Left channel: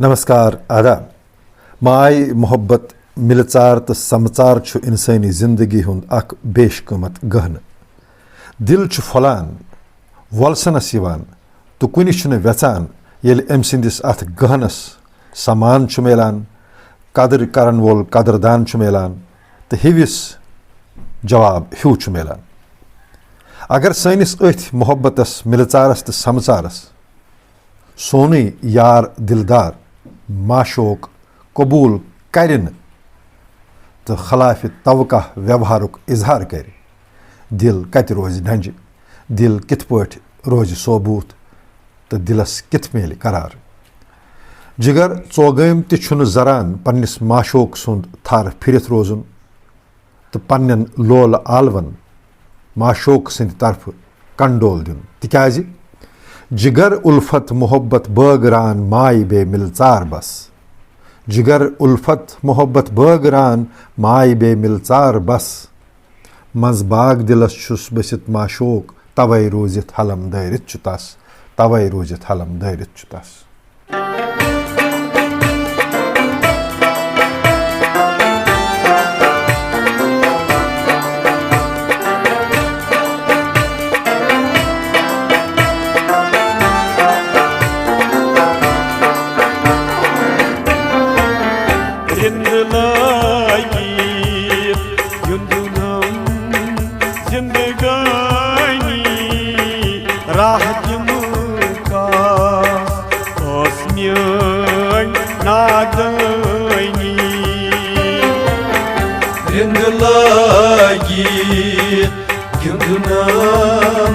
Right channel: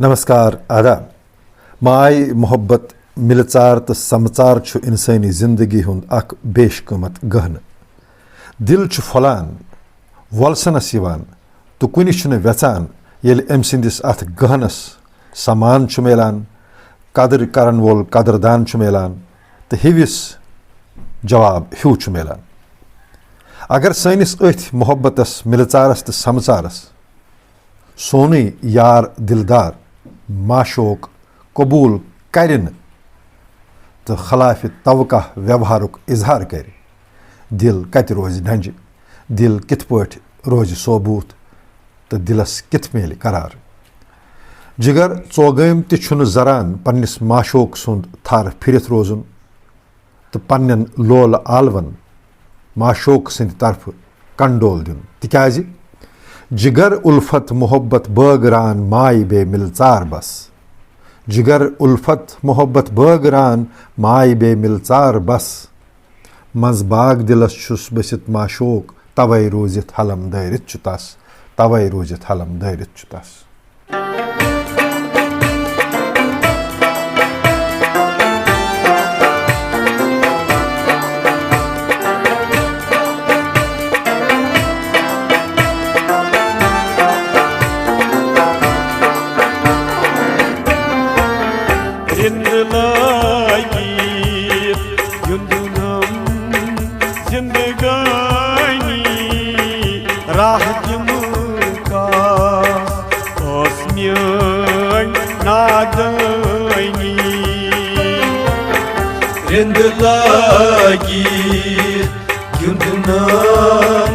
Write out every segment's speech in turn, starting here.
नमस्कार आदाब। माय मोहब्बत मिलचार तो समचार छु इंसानी जिंदगी हुंद अख बेशकमत गहन। दिल छु फलान वलसनस यवान तो कुनि छु न व्यचान येल अम सिंदिस अथ गहनस समान छु मेलान, कदर करन वोल कदरदान छु मेलान तो हिविस जवाब ह्यू छु मेलान। अगर सैनिस अथ मोहब्बतस मिलचारस तो समचारस सोनी यार दिलदार माशोक कबूल करिन तो खिलाफ तवक़ा व्यवहारुक इजहार कर, दिल कत रोज ढंज, दिल कित पट रोज सोबूत तो दिलस कित मेल करार। जिगर चोगम तुन जरान पन्निस माशोक सुंद थार फिरत रोजुन तो पन्न लोल आलवन माशोक सिंद तरफ कंडोल दिन, तिकाज जिगर उल्फत मोहब्बत बगरान माय बे मिलचार बस। जिगर उल्फत मोहब्बत बगरान माय बे मिलचार बस। मज बाग दिलस छुस बसित माशोक तवै रोजित हलम दरित चुतास, तवै रोजित हलम दरित चुतास। राह दिमुका ओस्म्यन नादनी रिंद लगी युंदुनम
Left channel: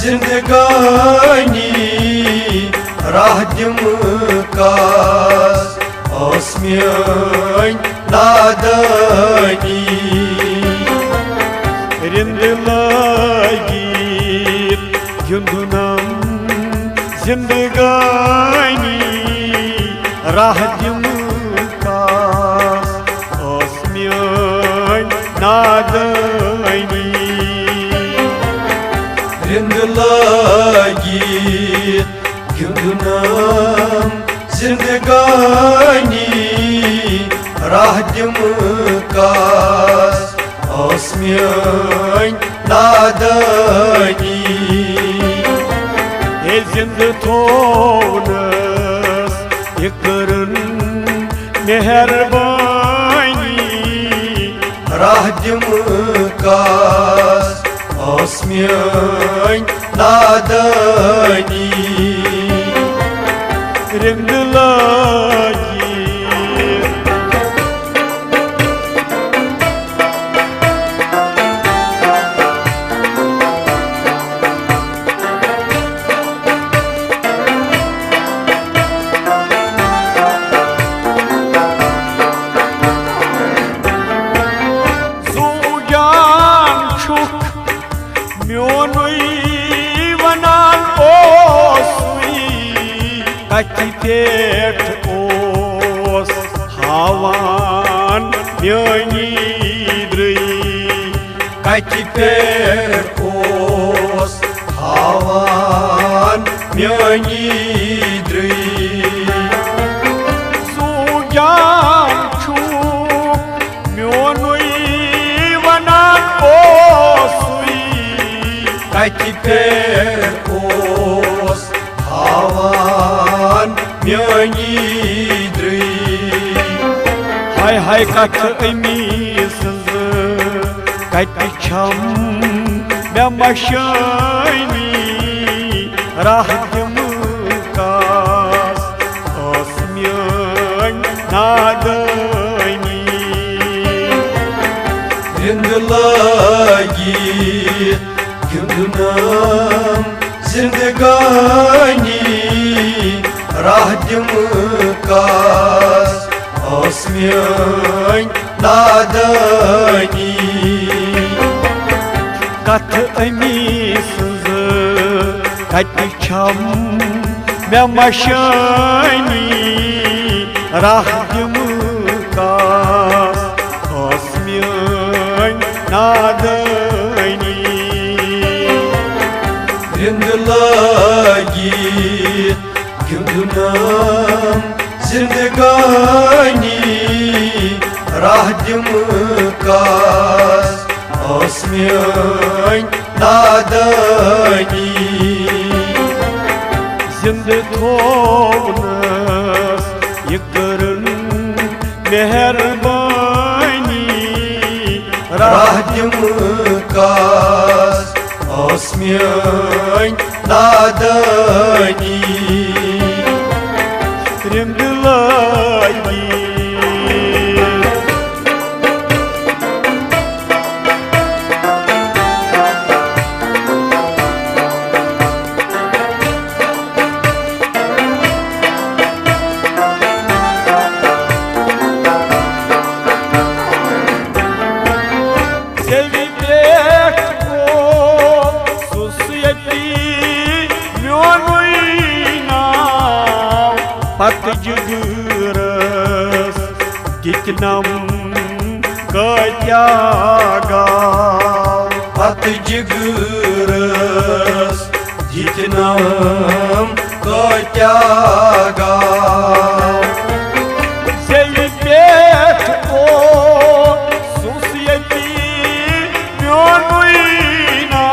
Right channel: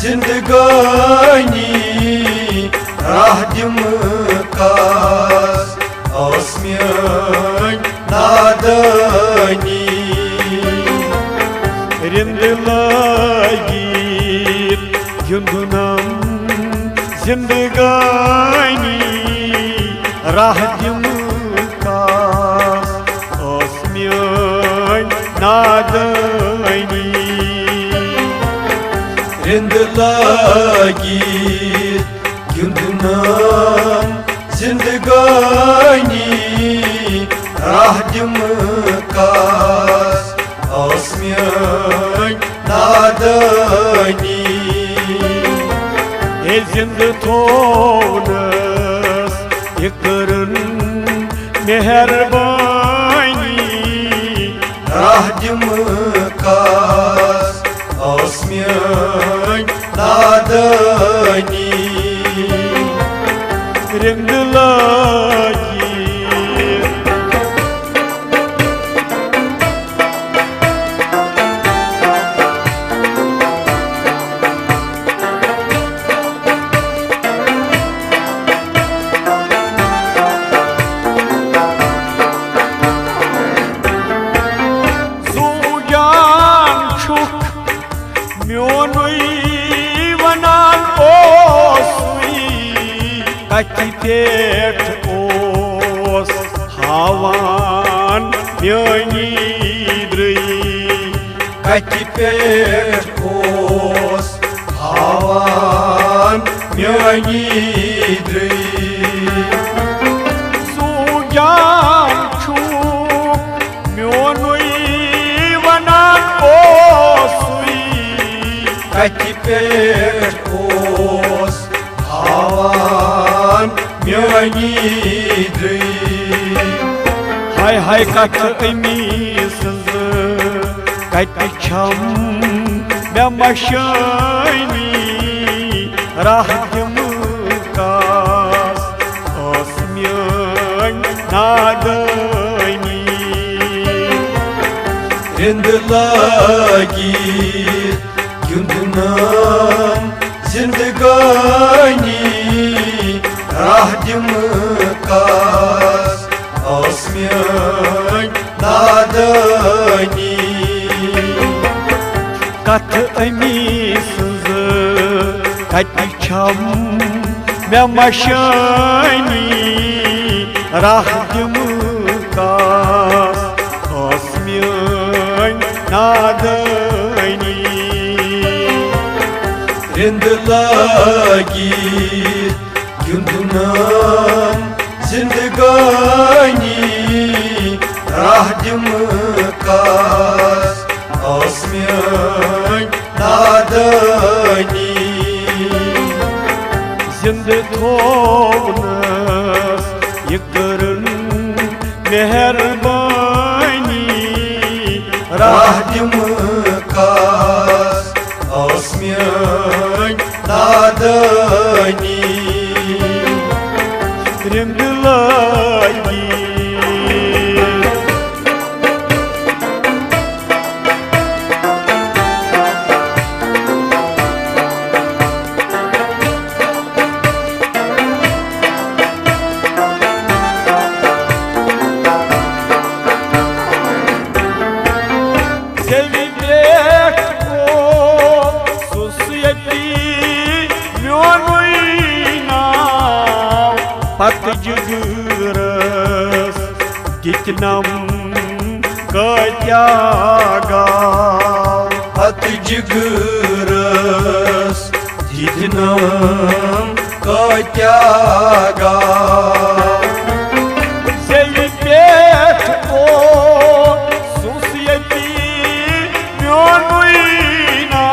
जिंदगानी राह दिमुका ओस्म्यन नादनी रिंद लगी युंदुनम जिंदगानी राह दिमुका ओस्म्यन नादनी रिंद लगी युंदुनम जिंदगानी राह दिमुका ओस्म्यन नादनी जिंद थोनस यकरन मेहरबानी राह दिमुकास ओस्म्यन नादनी रिंद लगी कति पेट ओस हावान म्यानी द्रई कति पेट ओस हावान म्यानी द्रई सुजान छु म्योनुई वनान ओसुई कति पेट हाय हाय कथ अमीस कत छम मे मशानी राह दिमुकास ओस्म्यन नादनी रिंद लगी युंदुनम जिंदगानी राह दिमुकास ओस्म्यन नादनी कथ अमीस कत छम मे मशानी राह दिमुकास ओस्म्यन नादनी रिंद लगी युंदुनम जिंदगानी राह दिमकास आसमियान नादानी जिंद थोवनस ये करन मेहरबानी राह दिमकास आसमियान नादानी रिंद लगी पत जुगरस कितनम कत्यागा पत जुगरस कितनम कत्यागा जेवी पेट को सुसियती म्योनुइना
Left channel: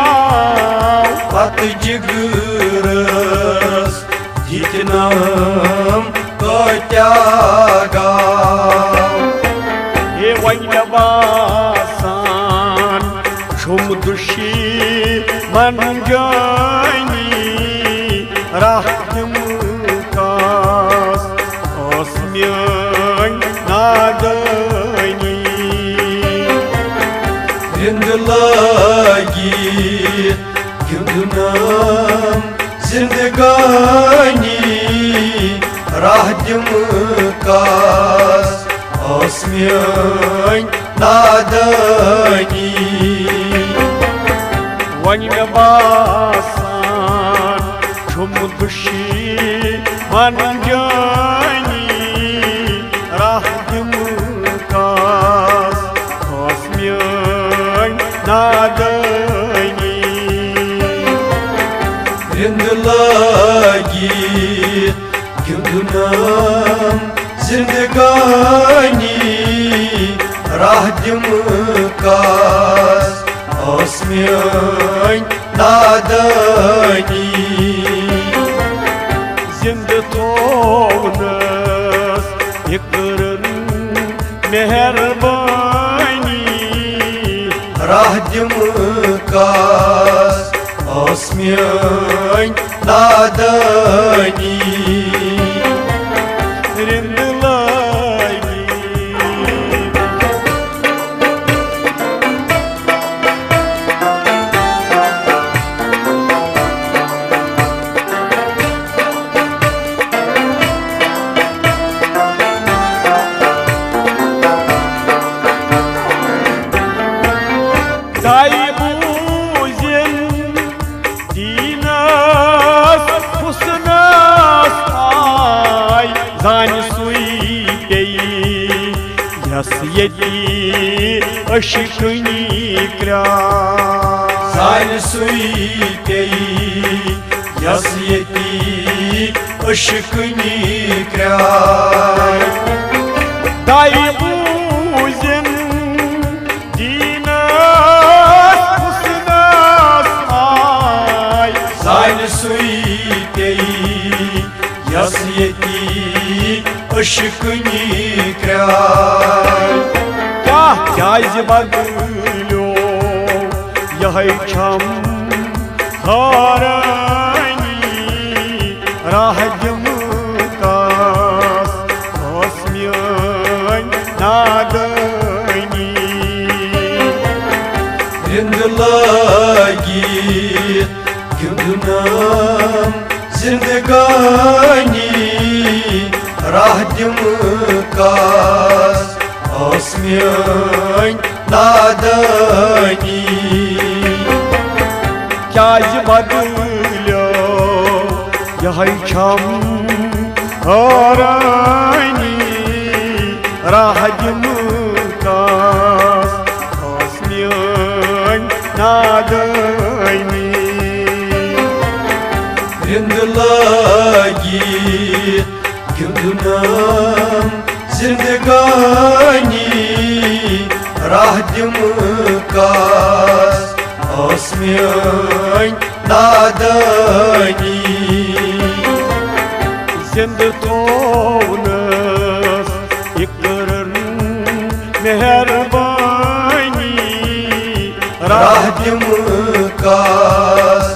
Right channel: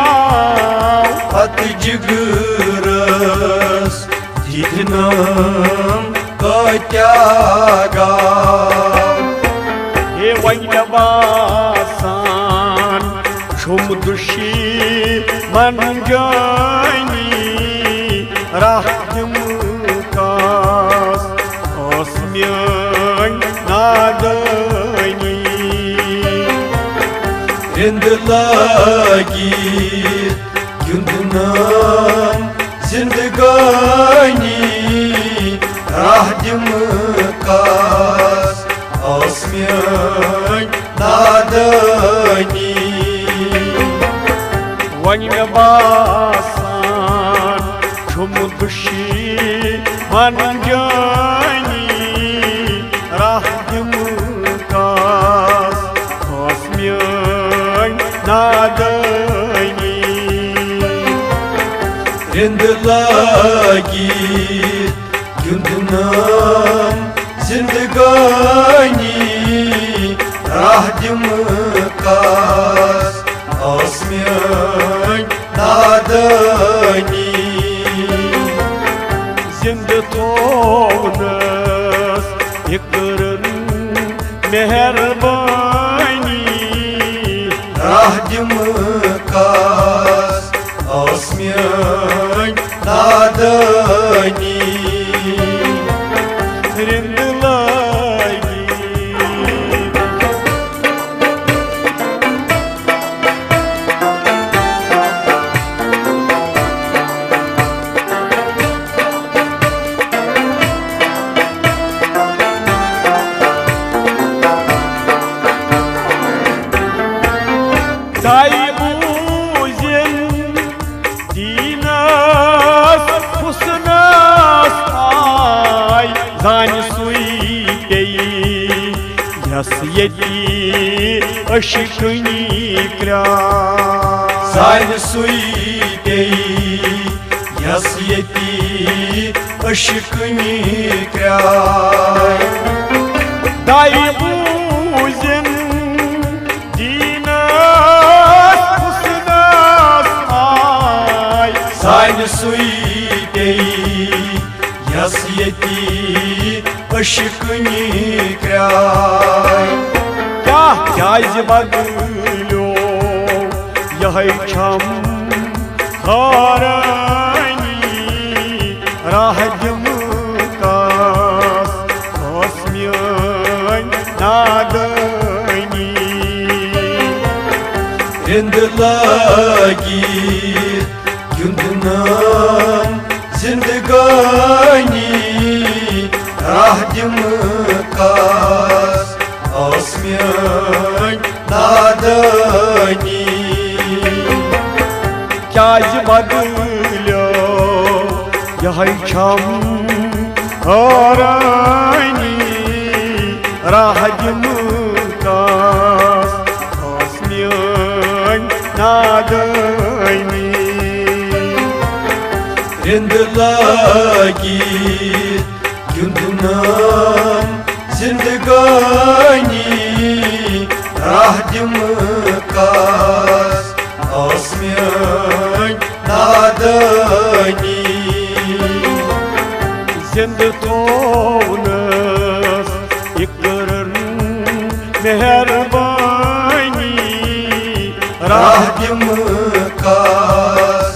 पत जुगरस कितनम कत्यागा हे वैनवासान शुम दुशी मन जानी राहम कास आसमियान नादानी रिंद लगी गिंदनाम जिंदगानी राह दिमकास आसमियान नादानी वैनवासान शुम दुशी मन जानी राहम कास आसमियान नादानी रिंद लगी गिंदनाम जिंदगानी राह दिमकास आसमियान नादानी जिंद थोवनस ये करन मेहरबानी राह दिमकास आसमियान नादानी रिंद लगी दाई बूजिन दीनस हुस्नस आय जान सुई पेई यस यती अशिकनी क्रा जान सुई पेई यस यती अशिकनी क्रा दाई बूजिन यस यती अशिकनी क्या क्या बदलो यह छम खारानी राह दिमकास आसमियान नादानी रिंद लगी गिंदनाम जिंदगानी राह दिमकास आसमियान नादानी क्या बदलो यह छम खारानी राह दिमकास आसमियान नादानी रिंद लगी गिंदनाम जिंद थोनस इकरन मेहरबानी राह दिमकास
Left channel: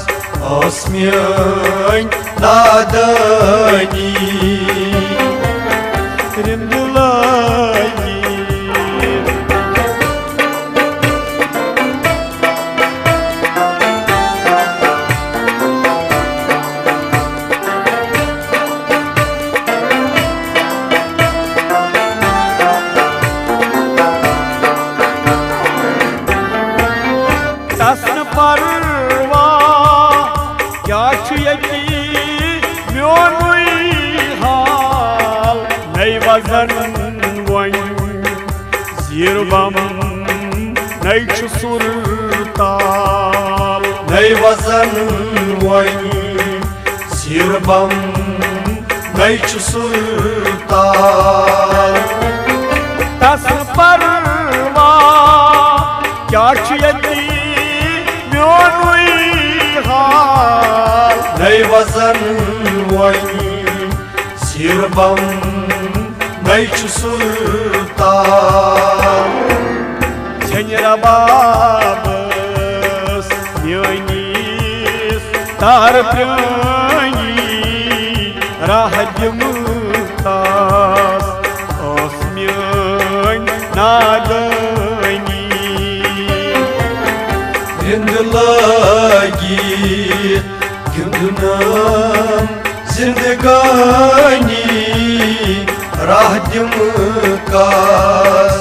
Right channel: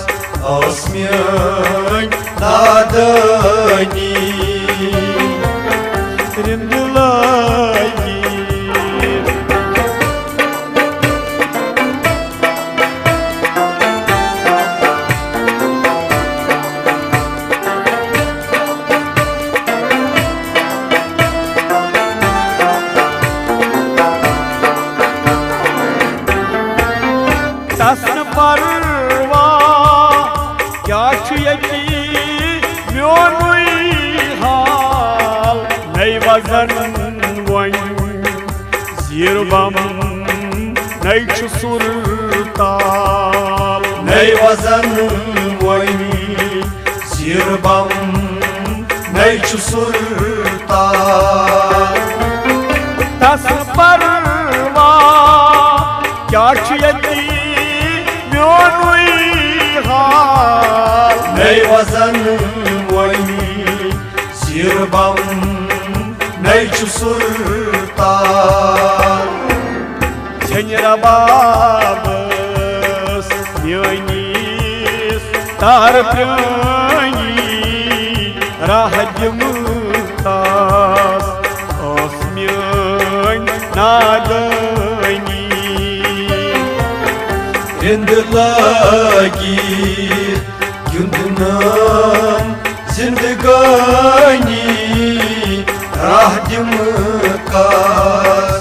osmian nadani रिंदलाई तस्न परवा क्या यति म्योनुई हाल नई वजन वन जीरबम नई सुरताल nai wazan wani zirbam nai chusulta तस्न परवा क्या यति म्योनुई हाल nai wazan wani zirbam nai chusulta Çenra babas Yönis tar prani Rahadim tas Osmyan nadani Rindlagi gündünan zindagani rahdim kas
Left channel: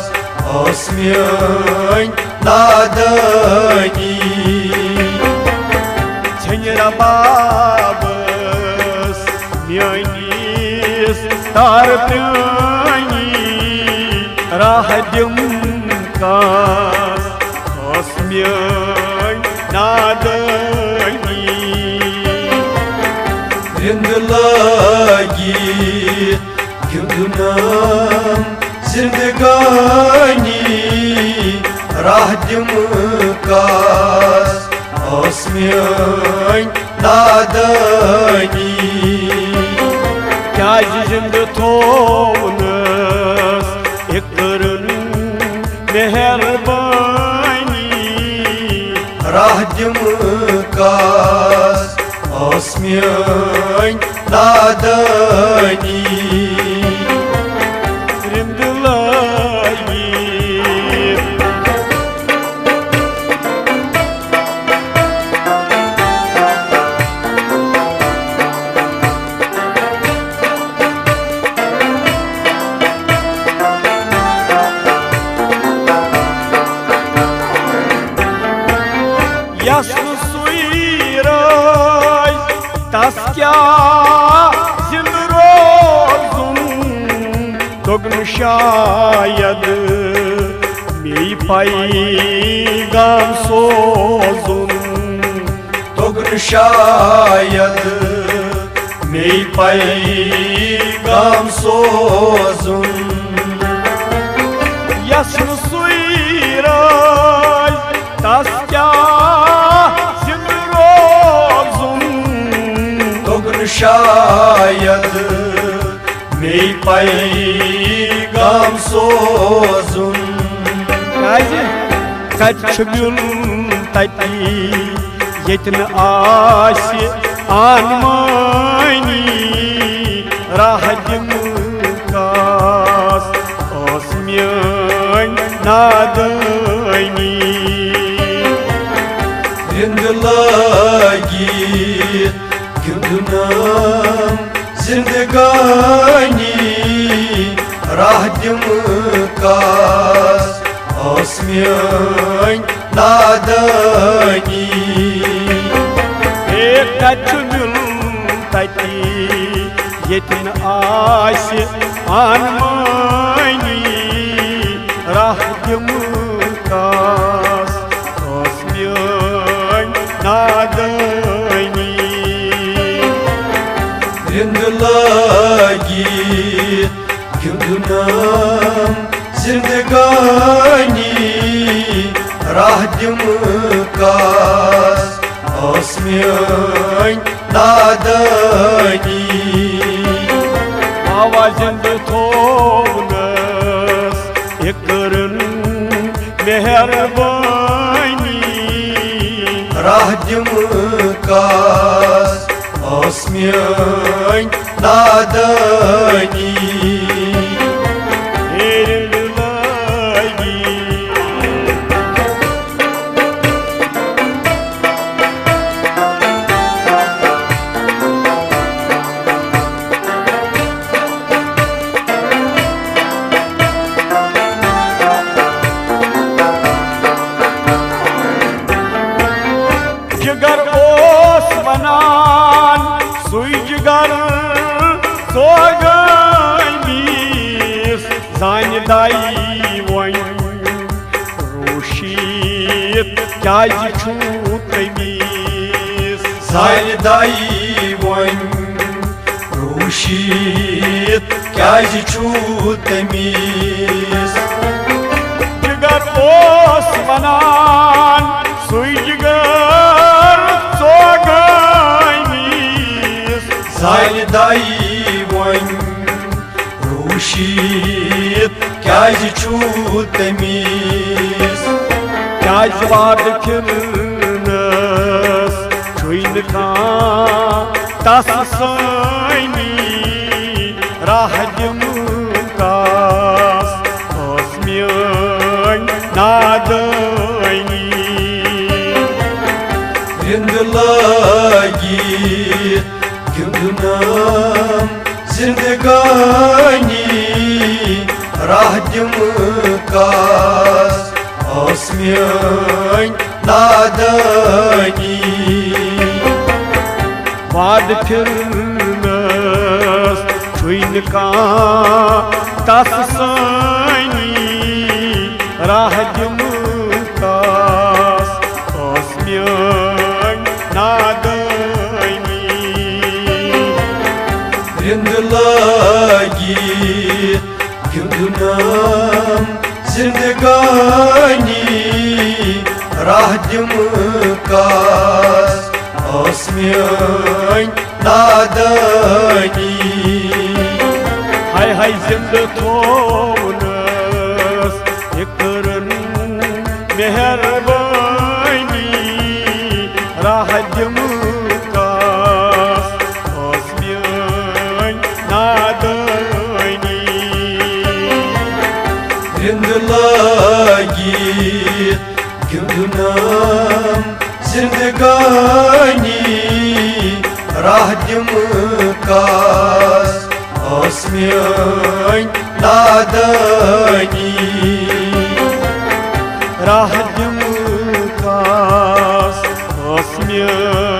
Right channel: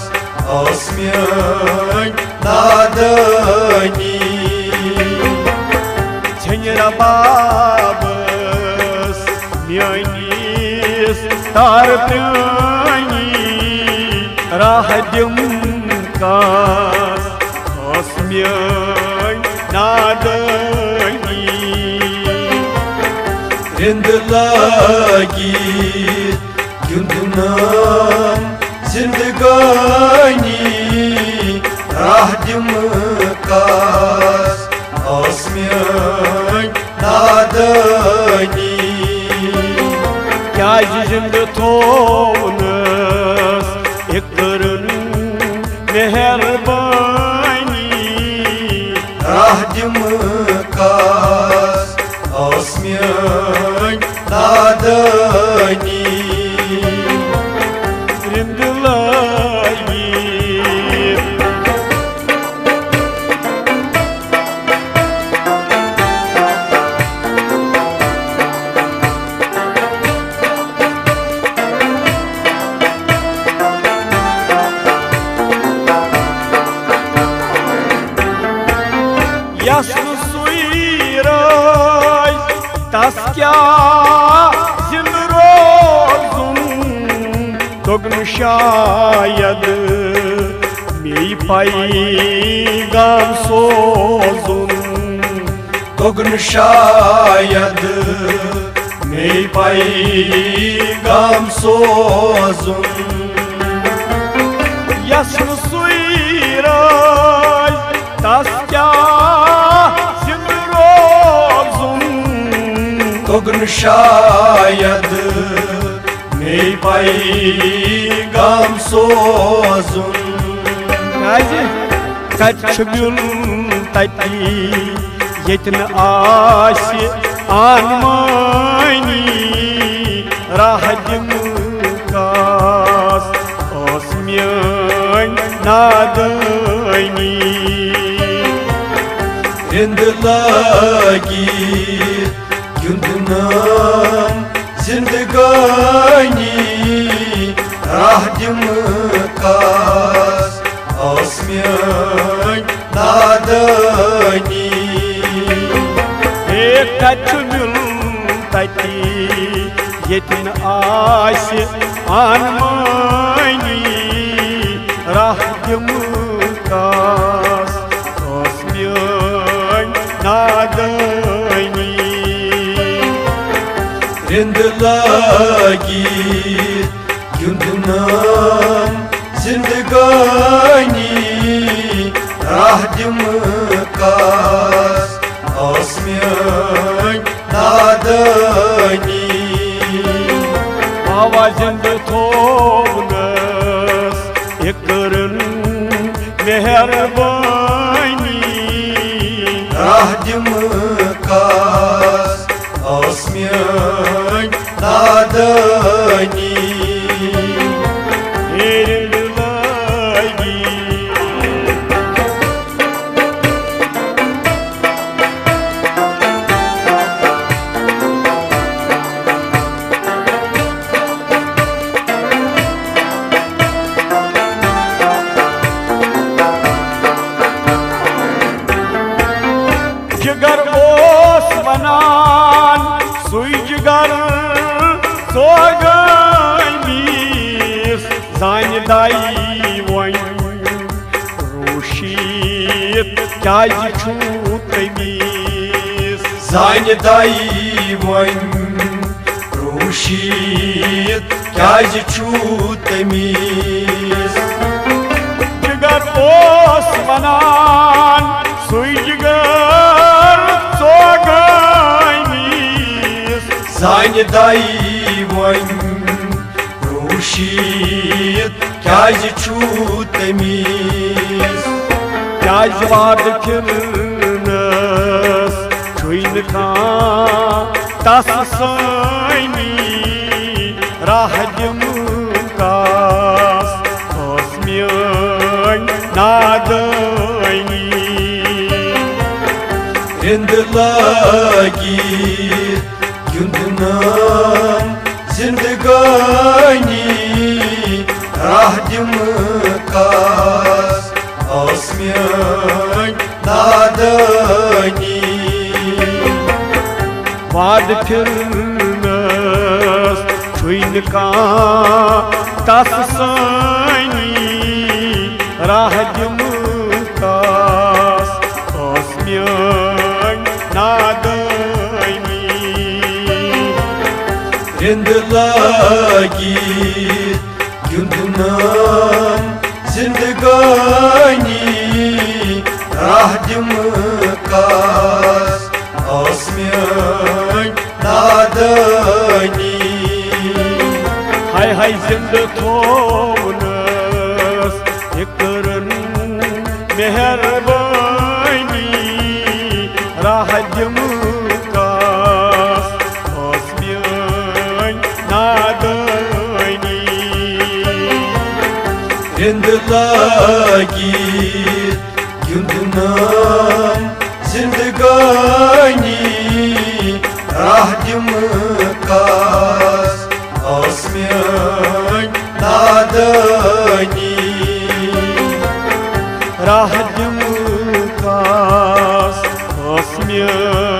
osmiyan nadani Çenra babas Yönis tar prani Rahadim tas Osmyan nadani Rindlagi gündünan zindagani rahdim kas osmiyan nadani क्या जिंद थोनस इकरन मेहरबानी rahdim kas osmiyan nadani रिंदलाई Yaşlı suyray taskya zilrozun Dognu şayad mi paygam sozun Dogn şayad mey paygam sozun Yaşlı suyray taskya zilrozun Dogn şayad mey paygam sozun Gazi kaç gün tati yetin asi anmani rahadim kas osmiyan nadani Rindlagi gündünan zindagani rahdim kas osmiyan nadani kaç gün tati yetin asi anmani rahadim kas osmiyan nadani Rindlagi gündünan zindagani rahdim kas osmiyan nadani राह दिम कास आसमियन नादानी हेरिंद लगी जिगर ओस बनान सुई जिगर सोगमीस जान दाई वन रोशीत क्या छू तमीस साइन दाई वन रोशीत क्या छू तमीस जिगर ओस बनान सुई जिगर सोगमीस साइन दाई वन रोशीत क्या छू तमीस क्या वाद खिलनस छुन तस सनी राह दिम कास आसमियन नादानी रिंद लगी गिंदनान जिंदगानी राह दिम कास आसमियन नादानी वाद खिलनस छुन तस सनी राह दिम कास आसमियन नादानी रिंद लगी गिंदनान जिंदगानी राह दिम कास आसमियन नादानी हाय हाय जिंद थोनस इकरन मेहरबानी राह दिम कास आसमियन नादानी रिंद लगी गिंदनान जिंदगानी राह दिम कास आसमियन नादानी राह दिम कास आसमियन